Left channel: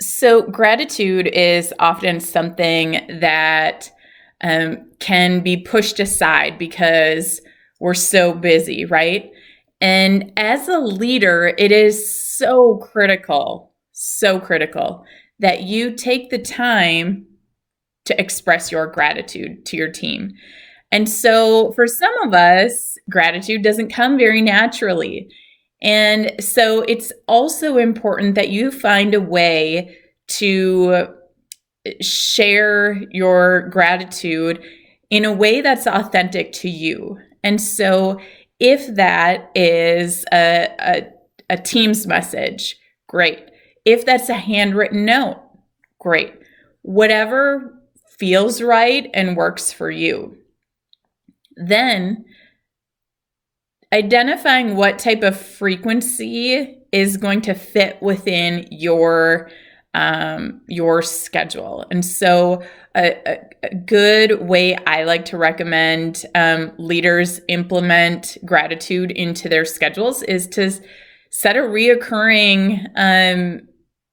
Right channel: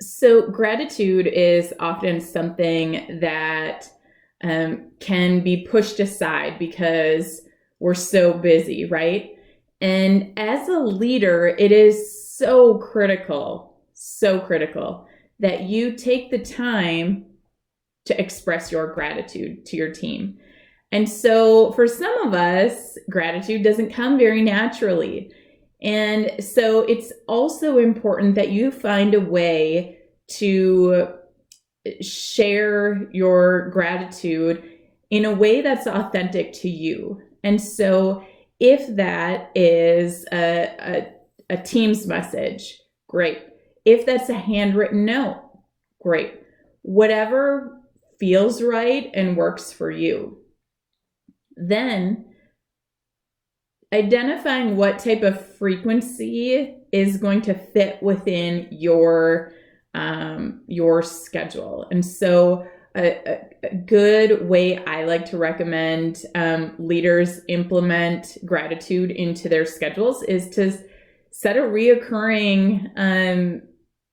So, gratitude is often something that can be pushed aside because we're so busy, right? And as a leader, it is so critical that you take the time to express your gratitude to your team. And so, for some of us, gratitude doesn't come very naturally. And so, it's also important that you find a way to share your gratitude in a way that's authentic to you. And so, if that is a Teams message, great. If that's a handwritten note, great. Whatever feels right and works for you. Then identifying what type of frequency is going to fit within your schedule. And so a good way I like to recommend leaders implement gratitude into their schedules is to set a reoccurring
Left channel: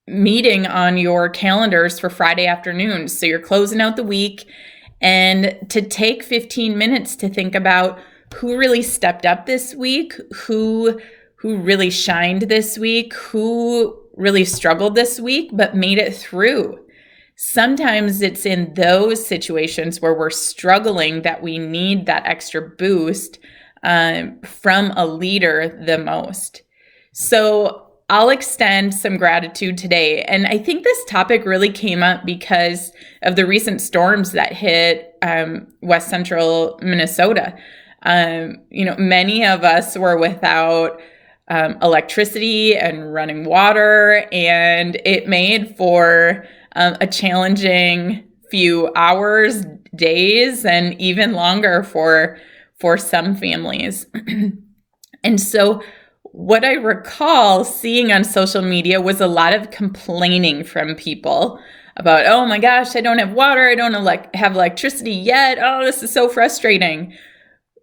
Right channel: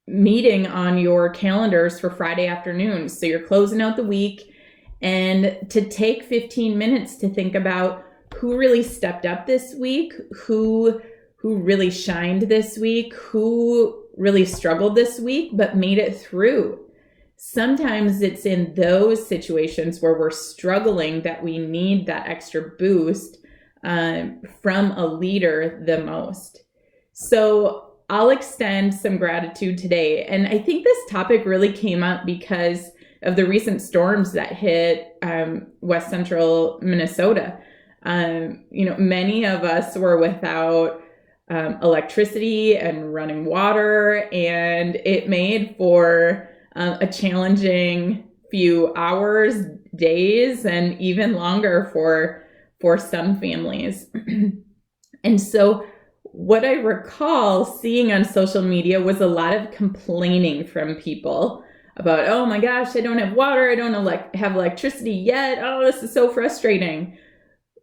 meeting on your calendars for Friday afternoons. So you're closing out the week, and to take 15 minutes to think about who really stepped up this week, who really shined this week, who really struggled this week but made it through. Sometimes it's in those situations where we're struggling that we need that extra boost from a leader the most. So I'll extend some gratitude today. And I think this topic really came up because of the recent storms that hit West Central Minnesota. Many of us were without electricity and running water, and it made for a challenging few hours, days, and even longer for some families. And so what I recall seeing on social media was a lot of complaining from people about, oh my gosh, I don't have water, I don't have electricity yet, oh, this is so frustrating,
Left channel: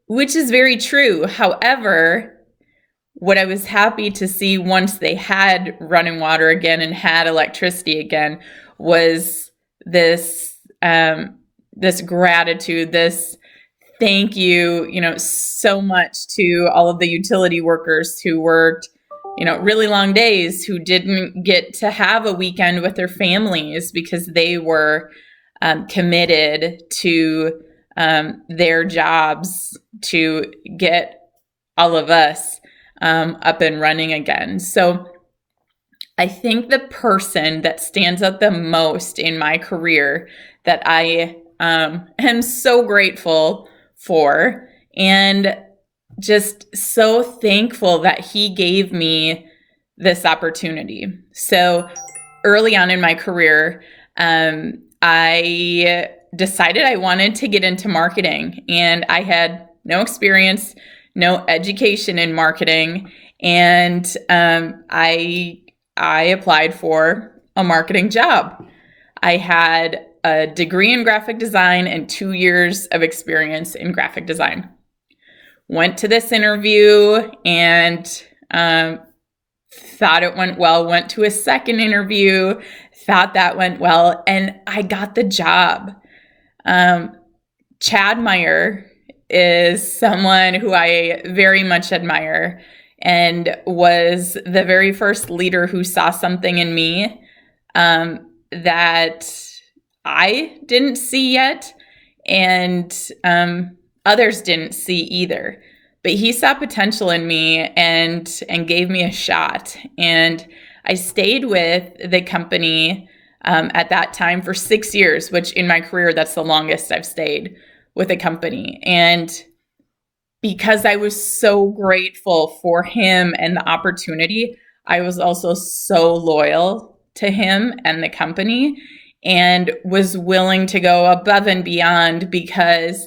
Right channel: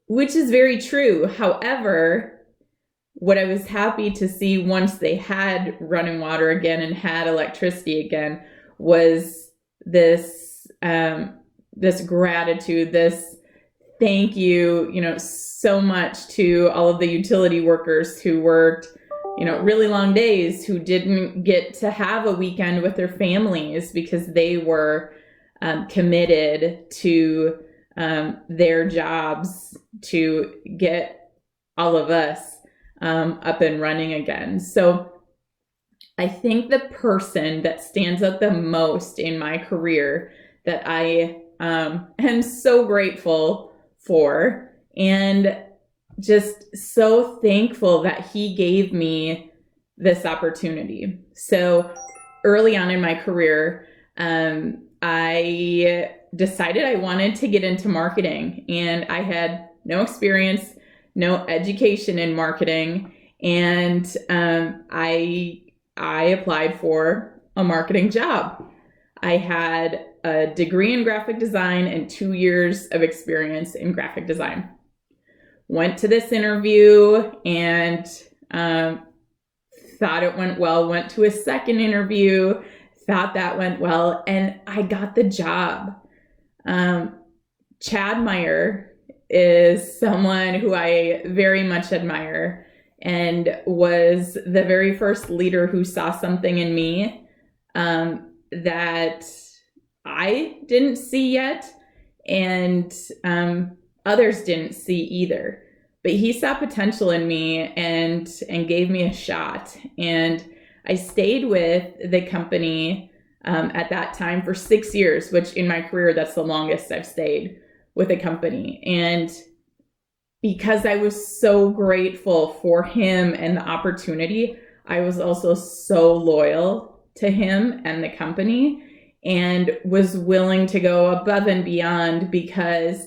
which is very true. However, what I was happy to see once they had running water again and had electricity again was this gratitude, this thank you, so much to all of the utility workers who worked, really long days, who didn't get to have a weekend with their families because they were committed to their jobs to get all of us up and running again. So I think the person that stands out the most in my career that I am so grateful for and just so thankful that he gave me this opportunity. So early on in my career, I decided I wanted to get into marketing, and I had no experience, no education in marketing, and I applied for a marketing job. I had a degree in graphic design and 2 years of experience in graphic design. Went to this interview and thought it went well. Went to a second interview, thought that went well, and I got the job. Chad Meyer is someone who I very much admire and was the very first leader who saw something in me that I didn't see yet, and others didn't see either. But he saw potential in me and gave me a shot. And I stayed with the company at that time for 6 years, which in my career, that's the longest I've stayed with a company. And because I was so grateful for him and the opportunity, I was also so loyal to him and the company and was willing to go above and beyond because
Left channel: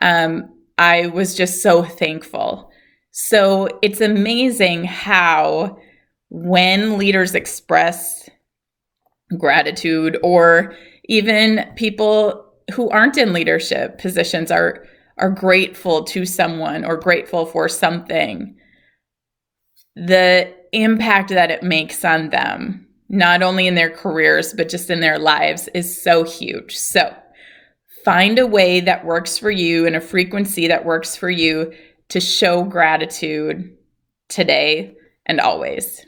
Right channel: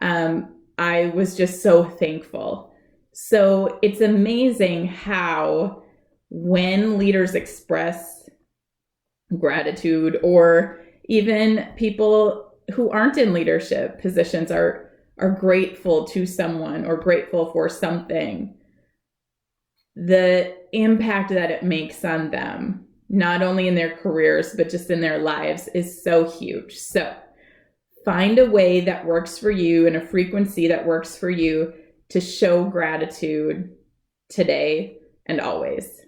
I was just so thankful. So it's amazing how when leaders express gratitude, or even people who aren't in leadership positions are grateful to someone or grateful for something, the impact that it makes on them not only in their careers, but just in their lives is so huge. So find a way that works for you and a frequency that works for you to show gratitude today and always.